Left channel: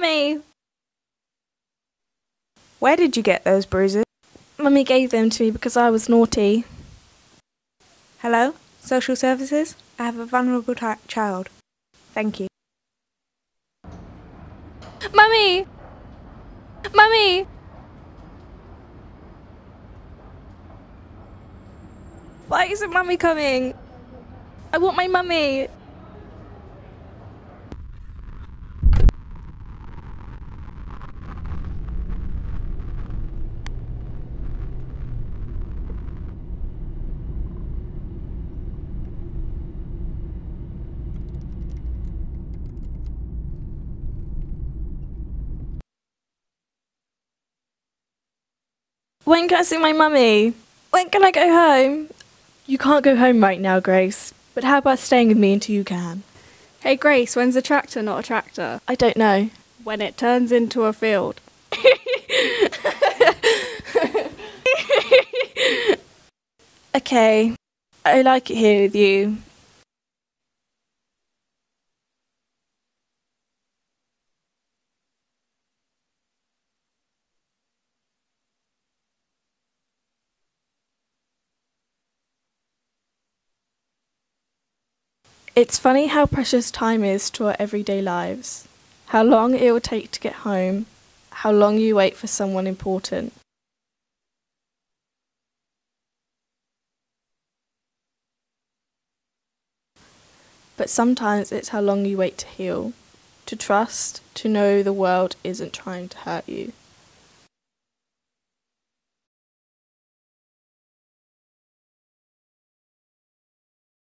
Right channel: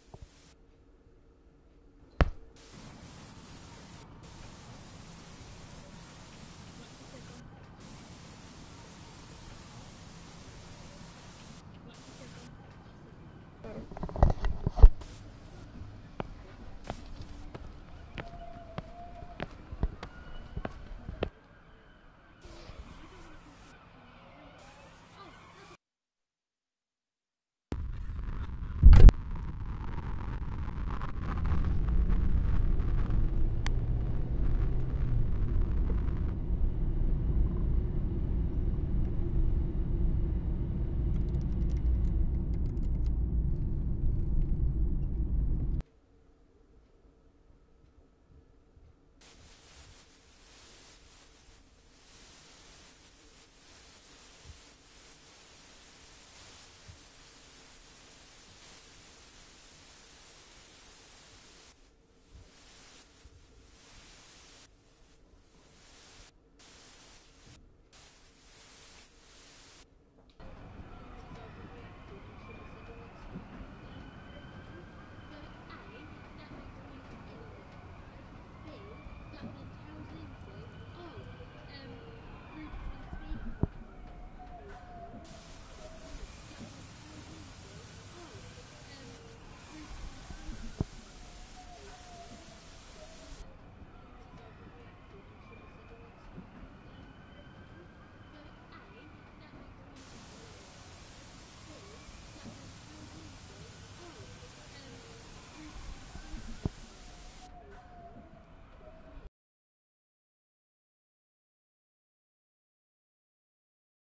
Mummy! Where did you get those bruises? Mummy gave them to me because I was naughty. Hello? Social services? I have a vulnerable child. Thank you. Mummy! Mummy! Why isn't Mummy coming? I want my mummy. When can I see my mummy? When can I go home? You can't go home right now, Grace. But how about staying with me until you can? Hey Grace, when's a tractor not a tractor? I don't know. When it turns into a field. Okay, I like it here with you. It's funny how precious time is to our everyday lives. How long it will take to get home. How long you wait for someone important. But sometimes it's how long you wait to heal. To trust, to know the world isn't trying to hurt you.